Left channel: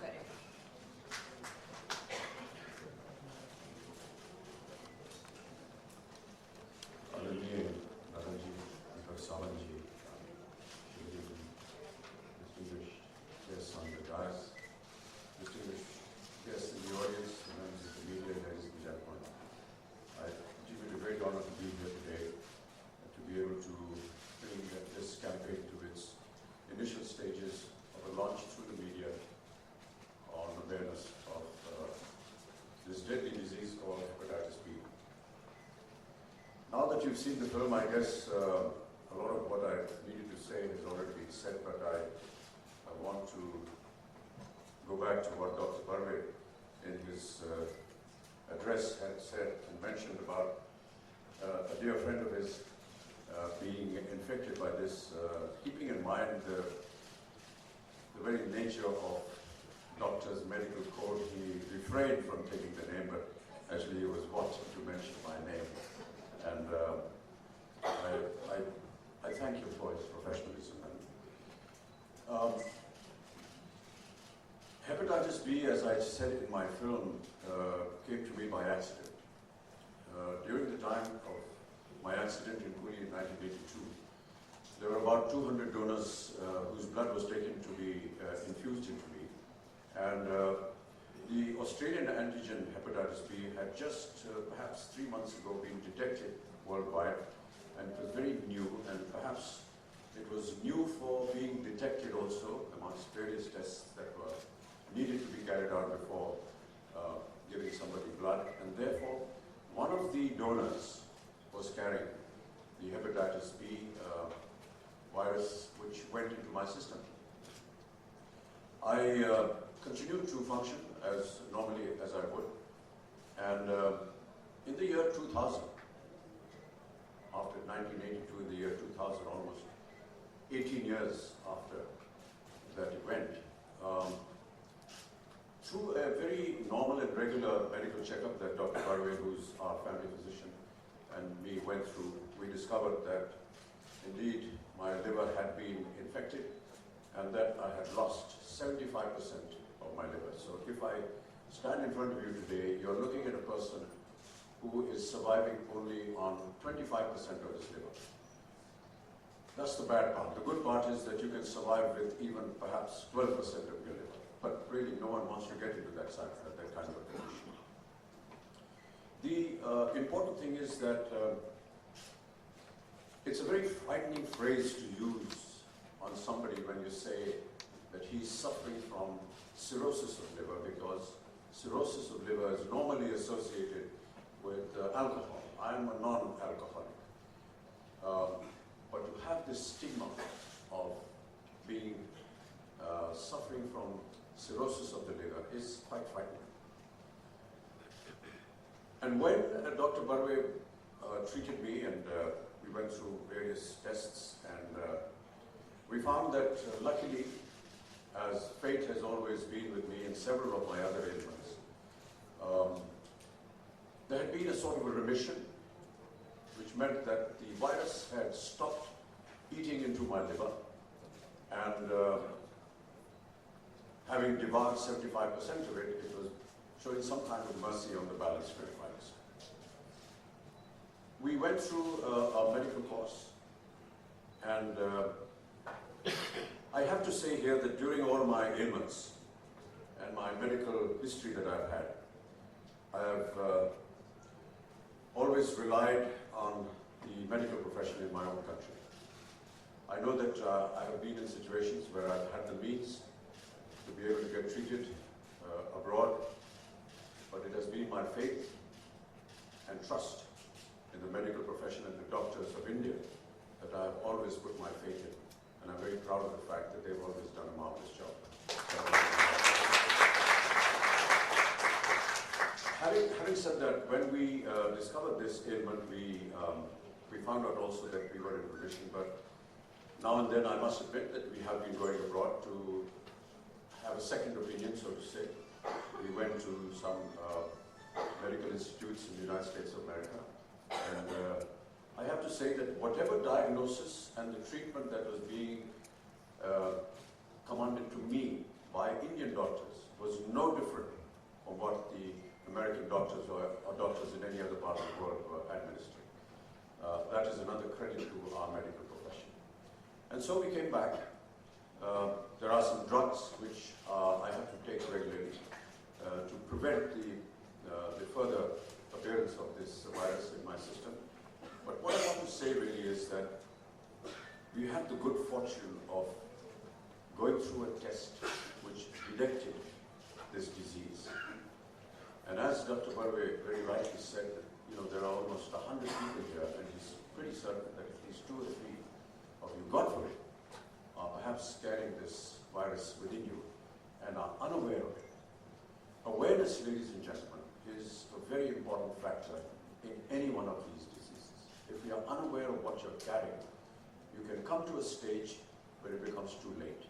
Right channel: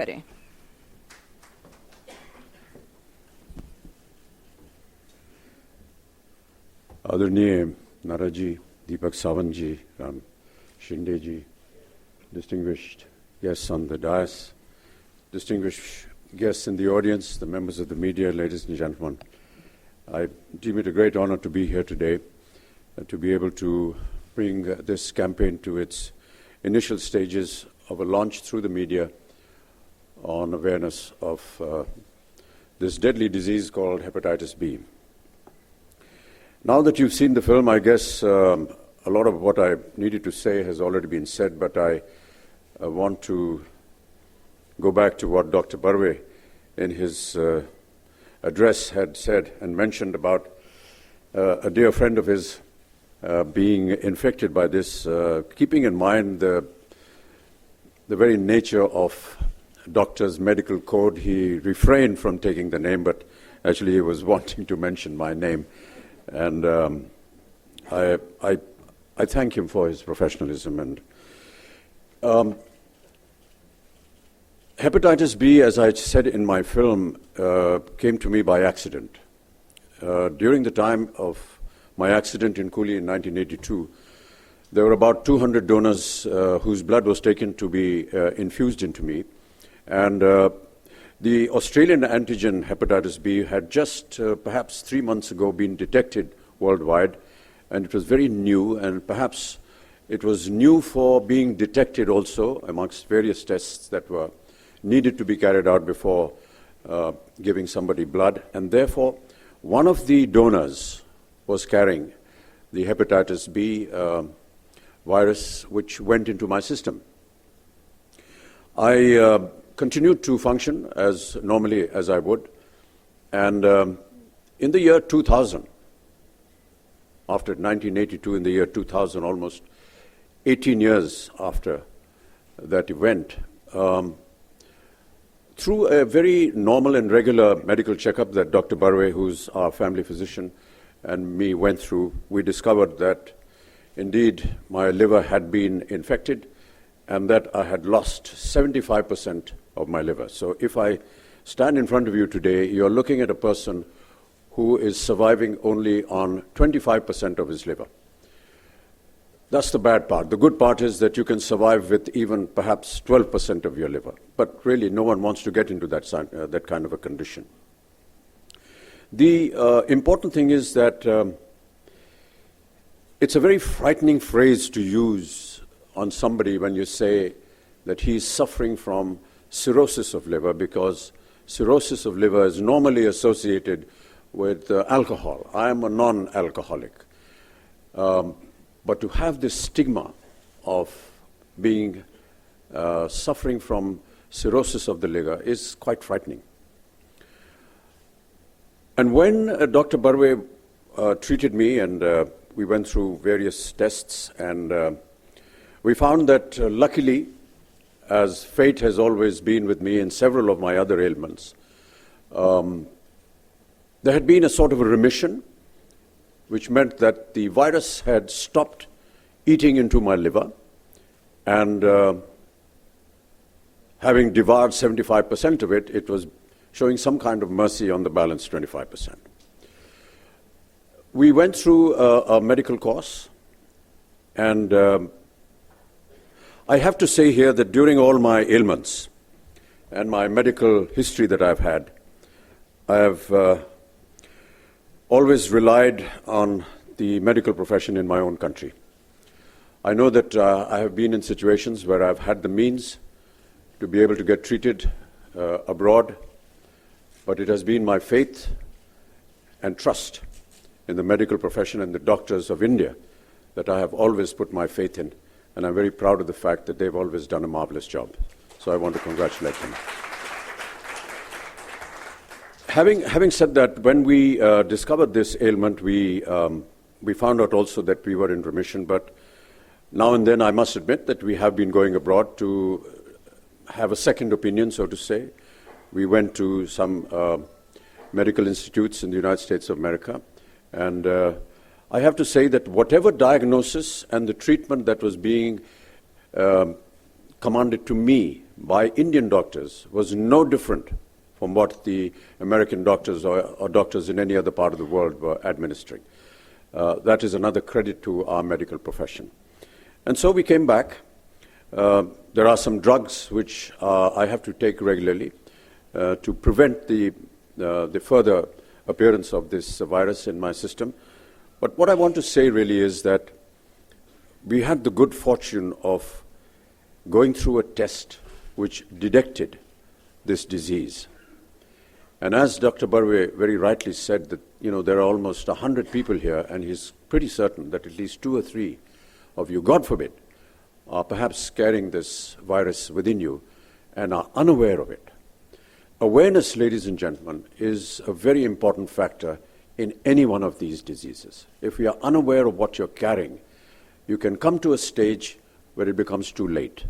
करें। आदरणीय नारा जी, दीपक सावंत जी, राम शिंदे जी, distinguished guests on the dais, distinguished guests in the audience, the members of the media, ladies and gentlemen. I deem it a great honor to be here today and to be able to bring this campaign to its initial stages of a launch through the media on awareness of this deadly disease called hepatitis B. Now that you've seen the film, I guess a lot of what I needed to say has already been said, but I want to go back to what Dr. Barve in his address had said and mentioned about a dear friend of his being infected by this, keeping in mind the very nature of doctor's medical code. He refrained from taking the name, but actually he was wanting to mention my name. And I thank him for his professionalism. And hepatitis B, as I said in my film, came to me by accident. During the time of my accident in Coolie in 1982, there were about 200 donors whose blood was taken to be infused into me. And the Australian antigen hepatitis B had just perhaps 3 months ago been detected worldwide, and it was very new, and perhaps it was new for being detected also amongst various tests that were needed to be carried out before giving somebody blood. And therefore, one of the donors was carrying the hepatitis B virus, which went into my system. I continued to function as normally as I would. And in the year 2000, after 1982, in the year 2000, almost 18 years after that event, through a very normal and regular medical checkup that Dr. Barve, who's our family physician, and me went through, we discovered that indeed my liver had been infected and that I had lost 75% of my liver. So if I stand in front of you today, you're looking at a person who is surviving only on 25% of his liver. That's the bad part. The good part is that you can survive with even perhaps 12% of your liver. But really, no one wants to get into that kind of a condition. The important thing is that it's a very frightening phrase to use on somebody when you say that he's suffering from cirrhosis of liver, because cirrhosis of liver is normally associated with alcohol. I am a non-alcoholic. But to have this stigma of being suffering from cirrhosis of the liver is quite frightening. And when Dr. Barve treated me, and we went through various tests, and we found that luckily, as fate has always been with me in several of my other ailments, there had been a sort of a remission, which meant that the virus had stopped eating into my liver, and having devoured 75% of it, it was showing some kind of mercy on the balance 25%. We went through a medical course, and I have to say here that during all my ailments and my medical history that I've had, I have always relied on the medical profession in my own country. I know that I have been in situations where I've had the means to be able to get treated abroad, but it has been my faith and trust in the medical profession and the doctors of India that I have always put my faith in, and I'm very proud of the fact that they've always done a marvelous job. So I want to congratulate them. Having said that, when we discovered this ailment, we found out also that we were in remission, but now and then I must admit that we have been going abroad to have a second opinion, so to say. We went to some medical institutes in the United States of America, and I have to say that whatever diagnosis and the treatment that was being commanded to me by Indian doctors was no different from what the American doctors or doctors in any other part of the world were administering. That is another credit to our medical profession. And so we came back. There are some drugs which I have to take regularly to prevent the further appearance of this virus in my system. But what I want to say really is that we had the good fortune of going through a test which detected this disease. And as Dr. Barve very rightly said, that there are almost 100 people here, and he's pretty certain that at least 2 or 3 of you, God forbid, are perhaps carrying this virus within you and are unaware of it. Awareness, ladies and gentlemen, is a very important factor in any one of these diseases. If we are unaware of what you're carrying, you can come to a stage where it becomes too late.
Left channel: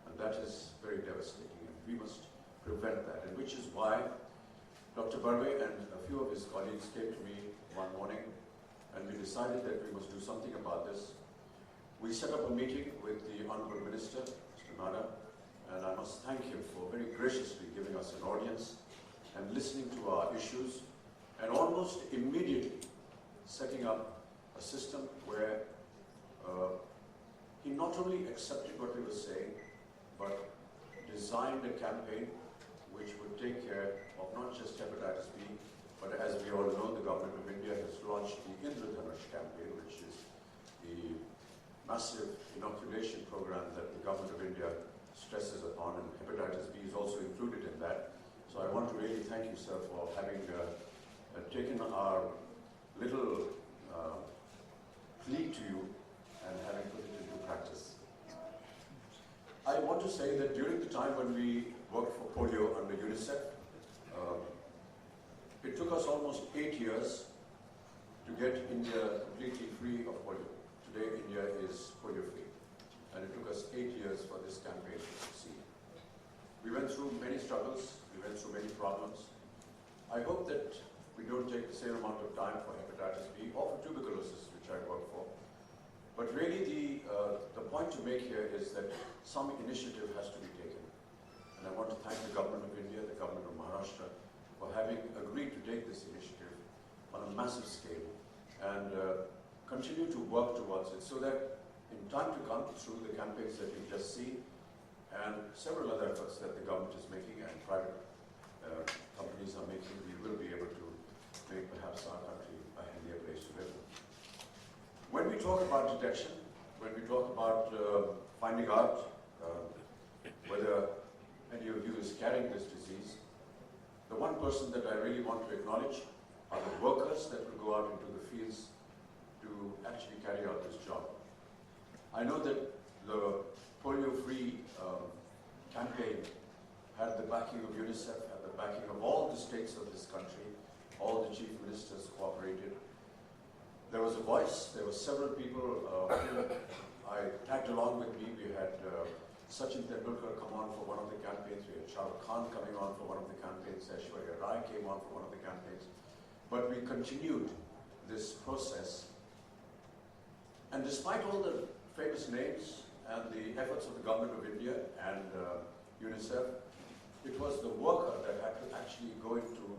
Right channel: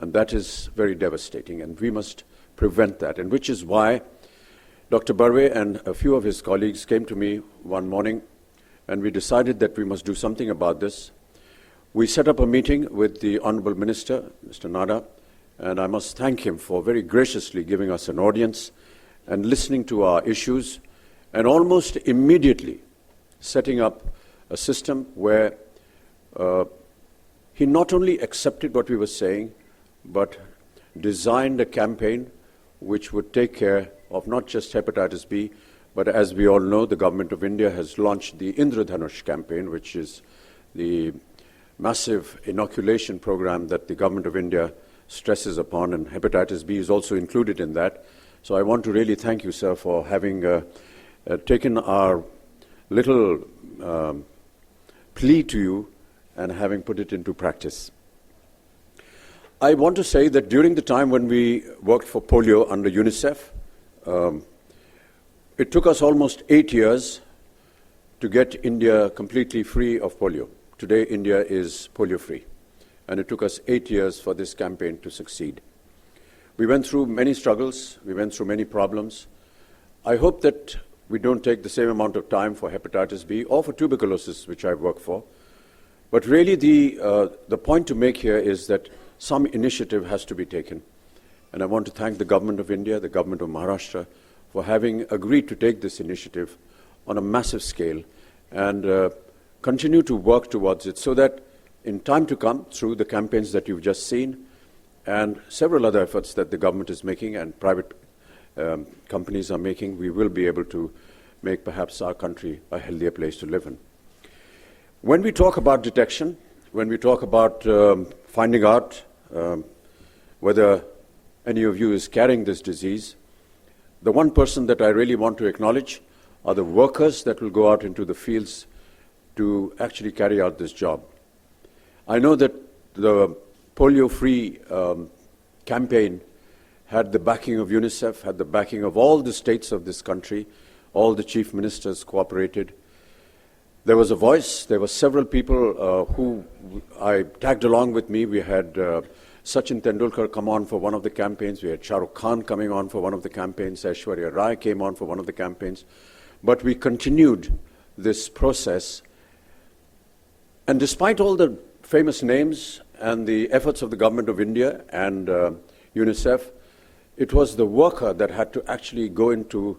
And that is very devastating, and we must prevent that. And which is why Dr. Barve and a few of his colleagues came to me one morning, and we decided that we must do something about this. We set up a meeting with the Honorable Minister, Mr. Nada, and I must thank him for very graciously giving us an audience and listening to our issues, and almost immediately setting up a system where he not only accepted what we were saying, but designed a campaign which would take care of not just hepatitis B, but as we all know, the government of India has launched the Indradhanush campaign, which is the massive inoculation program that the government of India stresses upon, and hepatitis B is also included in that. So I want to really thank you, sir, for having taken our little plea to you and having put it into practice. I want to say that during the time when we worked for polio under UNICEF, it took us almost 8 years to get India completely free of polio. Today, India is polio-free, and it took us 8 years for this campaign to succeed. We went through many struggles, we went through many problems. I hope that we don't take the same amount of time for hepatitis B or for tuberculosis, which I work for. But really the point to make here is that some initiative has to be taken. And I want to thank the government of India, the government of Maharashtra, for having agreed to take this initiative on a massive scale and continue to work towards it so that in time to come, through the campaigns that you've just seen and several other efforts that the government is making and private companies are making, we will be able to make perhaps our country a healthier place to live in. When we talk about detection, when we talk about finding out whether any of you is carrying this disease, the one person that I really want to acknowledge are the workers that will go out into the fields to actually carry out this job. I know that the polio-free campaign had the backing of UNICEF, had the backing of all the states of this country, all the chief ministers cooperated. There was a voice, there were several people who I tagged along with me. We had Sachin Tendulkar come on for one of the campaigns, we had Shah Rukh Khan coming on for one of the campaigns, Aishwarya Rai came on for one of the campaigns. But we continued this process. And despite all the famous names and the efforts of the government of India and UNICEF, it was the worker that had to actually go into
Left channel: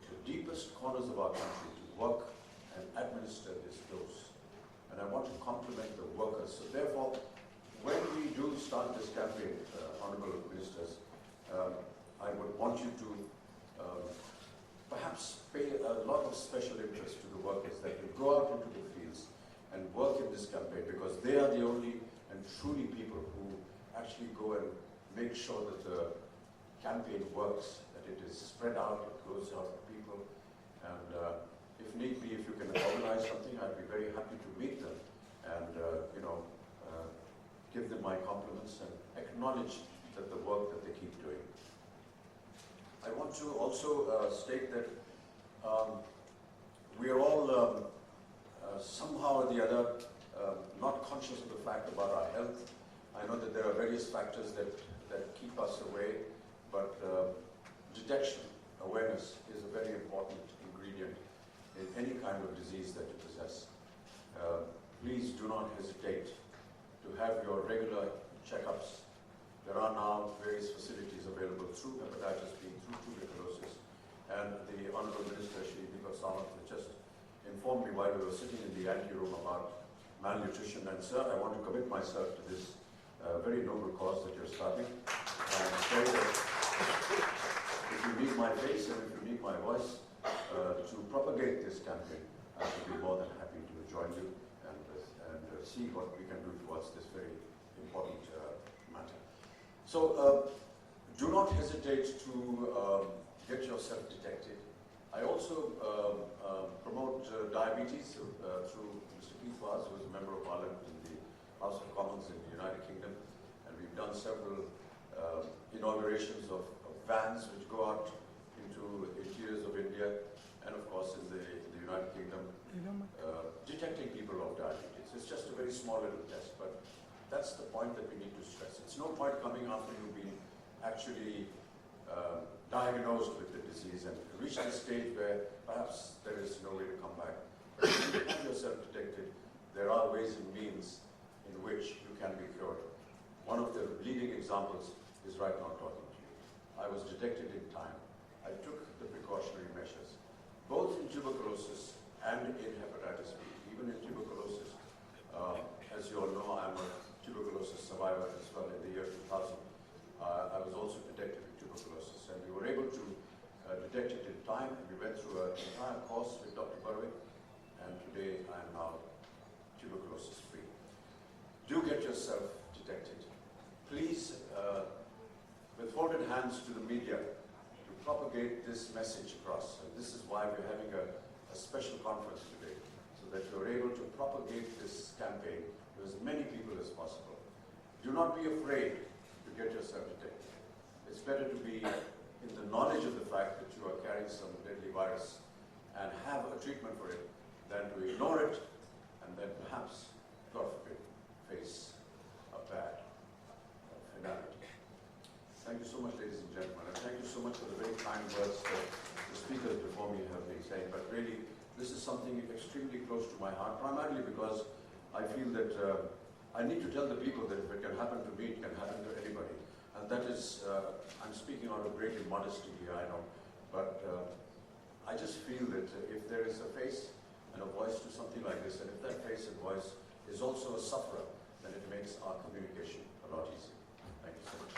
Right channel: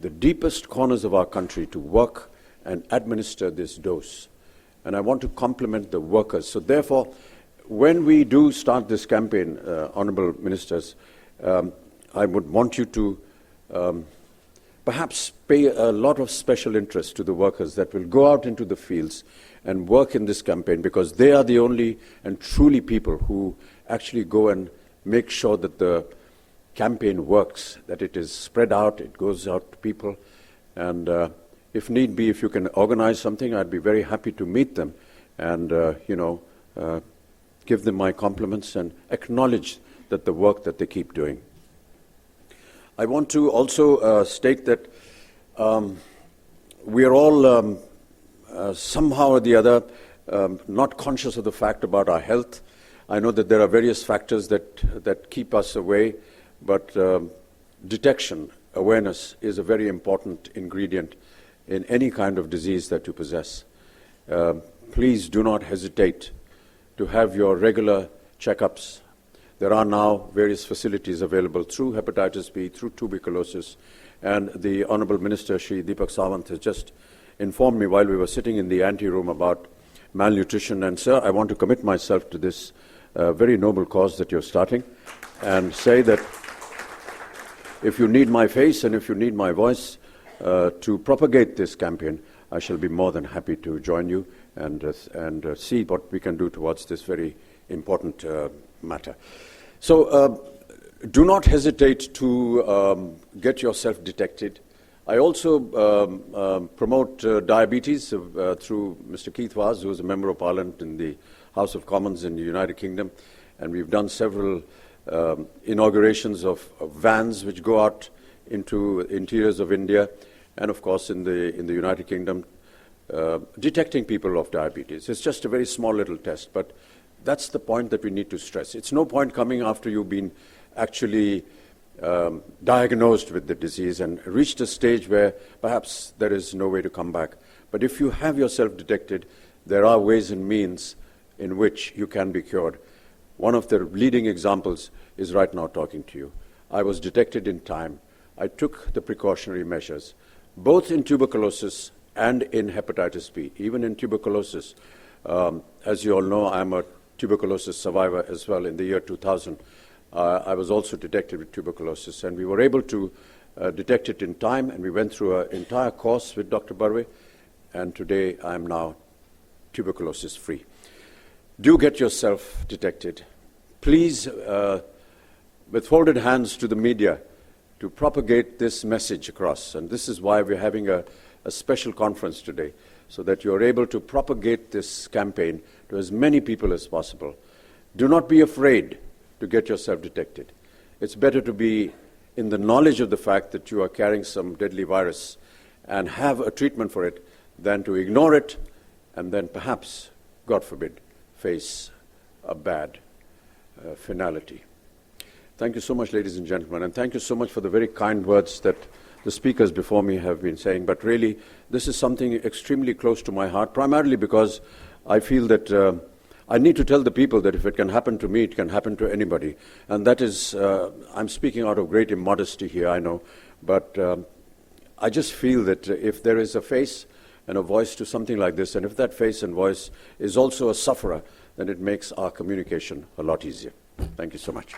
the deepest corners of our country to work and administer this dose. And I want to compliment the workers. So therefore, when we do start this campaign, Honourable Ministers, I would want you to perhaps pay a lot of special interest to the workers that will go out into the fields and work in this campaign, because they are the only and truly people who actually go and make sure that the campaign works, that it is spread out, it goes out to people. And if need be, if you can organize something, I'd be very happy to meet them and, give them my compliments and acknowledge that the work that they keep doing. I want to also state that we are all somehow or the other not conscious of the fact about our health. I know that there are various factors that keep us away, but detection, awareness is a very important ingredient in any kind of disease that you possess. Please do not hesitate to have your regular checkups. There are now various facilities available through hepatitis B, through tuberculosis, and the Honorable Minister, Shri Deepak Sawant, has just informed me while we were sitting in the ante-room about malnutrition. And sir, I want to commit myself to this very noble cause that you're starting, and say that if you need my face and if you need my voice to propagate this campaign, I shall be more than happy to join you and see what we can do towards this very important matter. So do not hesitate to get yourself detected. I also promote diabetes through Mr. Keith Vaz, who is a Member of Parliament in the House of Commons in the United Kingdom, and we've done several inaugurations of vans which go out into interiors of India and, of course, in the United Kingdom, detecting people of diabetes. It's just a very small little test, but that's the point that we need to stress. It's no point coming after you've been actually diagnosed with the disease and reached a stage where perhaps there is no way to come back. But if you have yourself detected, there are ways and means in which you can be cured. One of the leading examples is right now talking to you. I was detected in time. I took the precautionary measures, both in tuberculosis and in hepatitis B. Even in tuberculosis, as you all know, I'm a tuberculosis survivor as well. In the year 2000, I was also detected with tuberculosis, and we were able to detect it in time, and we went through an entire course with Dr. Barve, and today I'm now tuberculosis-free. Do get yourself detected. Please, with folded hands to the media, to propagate this message across. And this is why we're having a special conference today, so that you're able to propagate this campaign to as many people as possible. Do not be afraid to get yourself detected. It's better to be in the knowledge of the fact that you are carrying some deadly virus and have a treatment for it than to ignore it and then perhaps, God forbid, face a bad finality. Thank you so much, ladies and gentlemen, and thank you so much for the very kind words that the speakers before me have been saying. But really, this is something extremely close to my heart, primarily because I feel that I need to tell the people that if it can happen to me, it can happen to anybody. And that is, I'm speaking out of great immodesty here, I know, but I just feel that if there is a face and a voice to something like this, and if that face and voice is also a sufferer, then it makes our communication a lot easier. Thank you so much.